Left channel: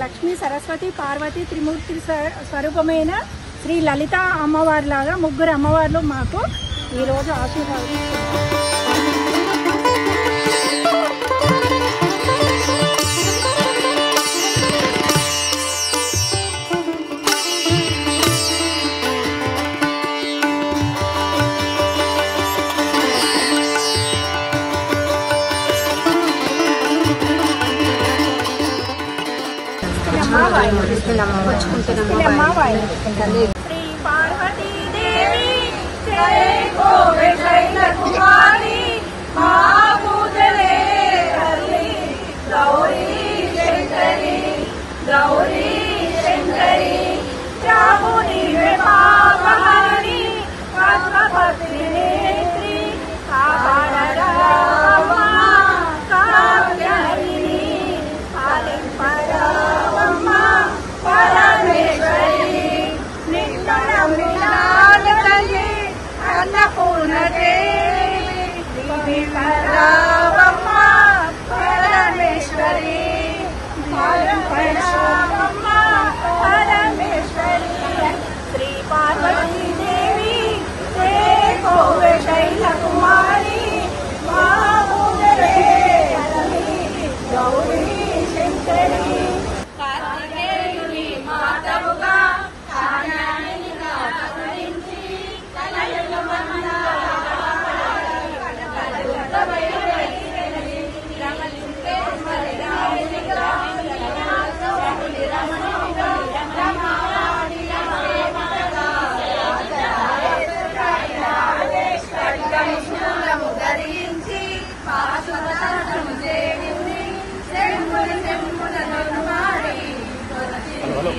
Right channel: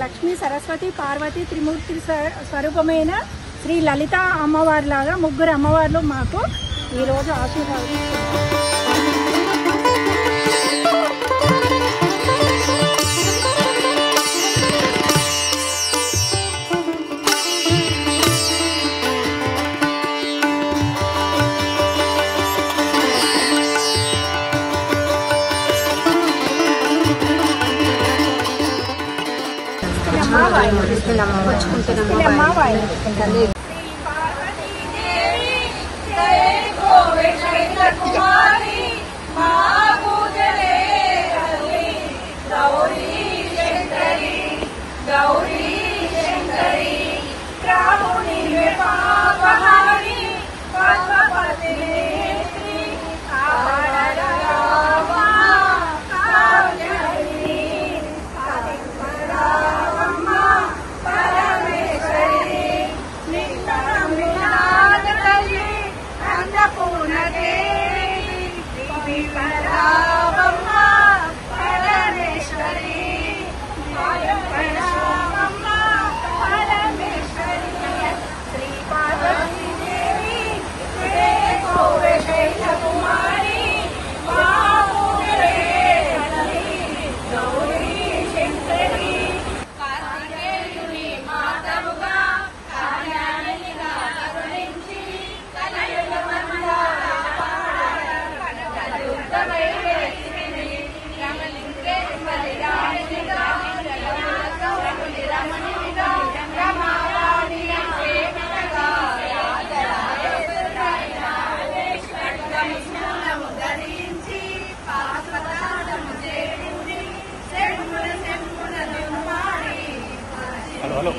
లక్ష్మీ సరస్వతి పార్వతి త్రిమూర్తి స్వరూపమైన శ్రీ లలిత అమ్మవారిలాగా ముగ్గురు అమ్మవార్లు మాకు ఈరోజు ఆశీర్వాదం. హలో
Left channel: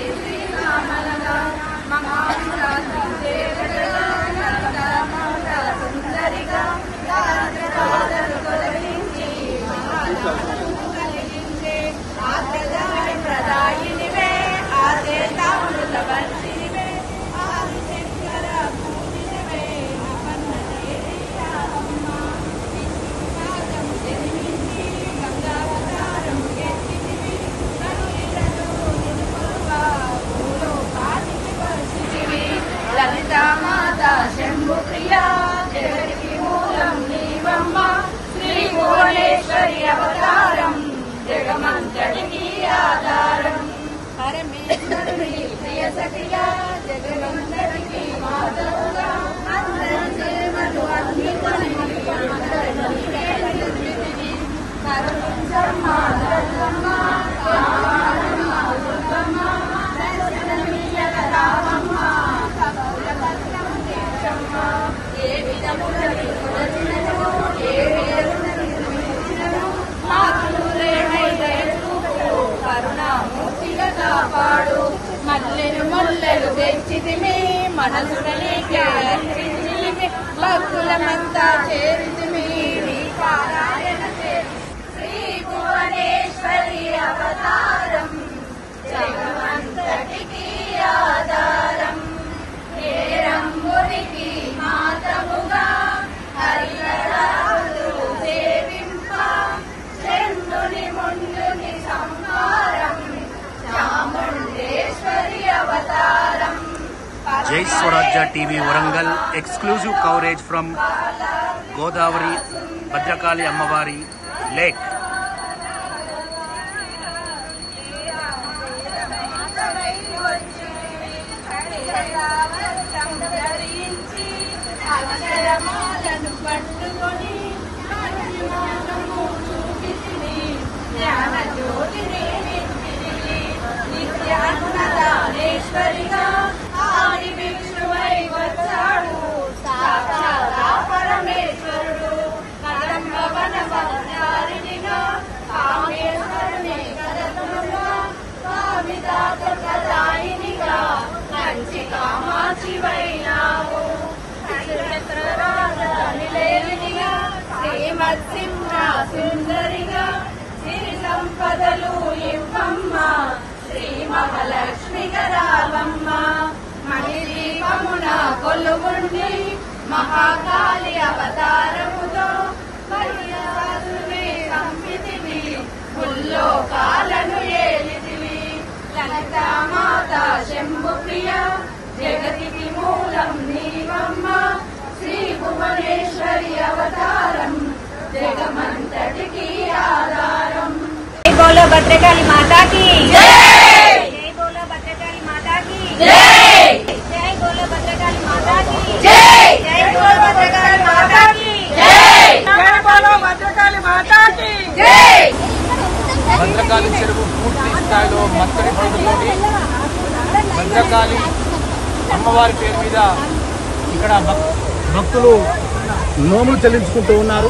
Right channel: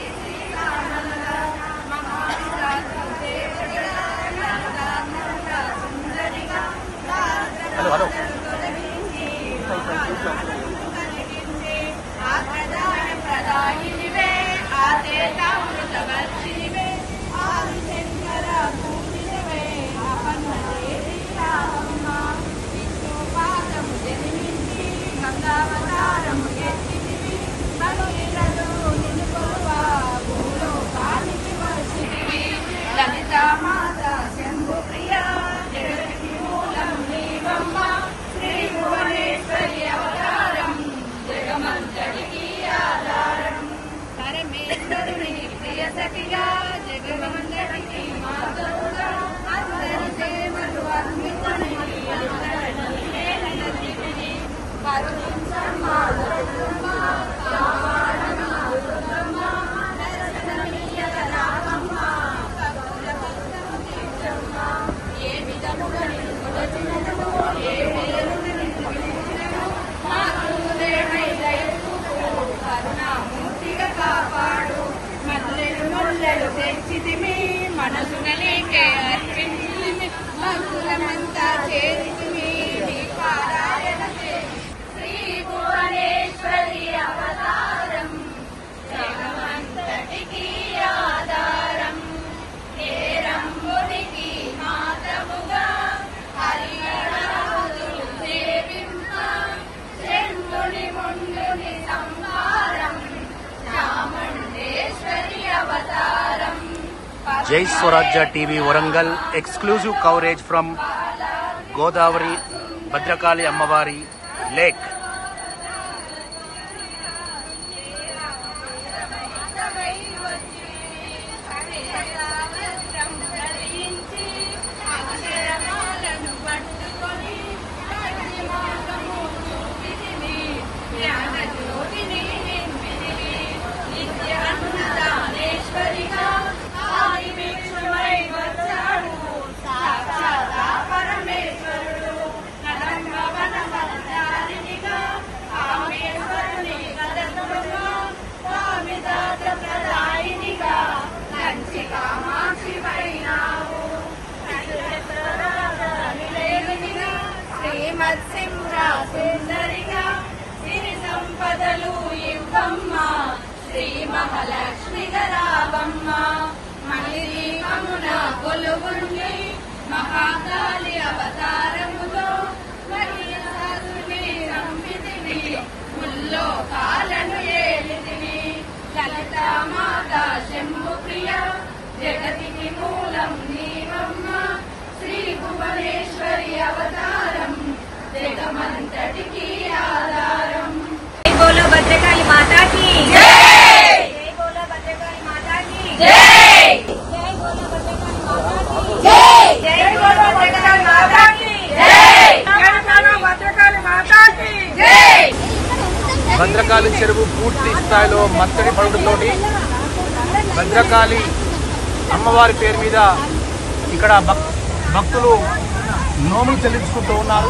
జగమంతటికి మాధవుగా అందరి సేవలు ఏ విధముగా కాపాడు మల్లెలు ముల్లెలు తెచ్చితిమి మనసుడలేకే భక్తులమంతా చేరితిమి పారాయణ శ్రీ భువనేశ్వరి అవతారం జగమంతటికి ఆధారం నేరంబునికి మాతముగా హరిహరాదులు సేవింప శంభుని ముందుని సంహారం చాముండేశ్వరి అవతారం. జై స్వరాజ్య TV Warangal exclusive coverage from Godavari Bhadrakali అమ్మవారి లేక్. అక్షరమాలను పట్టుకొని జ్ఞాన జ్యోతిని నిత్యాన్నదానేశ్వరిగా ఆది విష్ణువై వచ్చాడు సాక్షాత్ పరమేశ్వరుడు పరంభవన భవనారినిగా కామేశ్వరుని కదలుగా స్వామి దాత ప్రదాయినిగా కంచి కామ జగమంతటికి ఆధారం. జై బోలో భద్రకాళి మాతాకి జై. జై బోలో భద్రకాళి మాతాకి జై. జై బోలో భద్రకాళి మాతాకి జై. జై బోలో భద్రకాళి మాతాకి జై. జై బోలో భద్రకాళి మాతాకి జై. భద్రకాళి చెరువు పూర్తి స్థాయిలో మత్తడి పడుతోటి భద్రకాళి అమ్మవారి పేరు మీద ఇక్కడ భక్తులు నోములు చెల్లించుకుంటూ ఉన్నారు.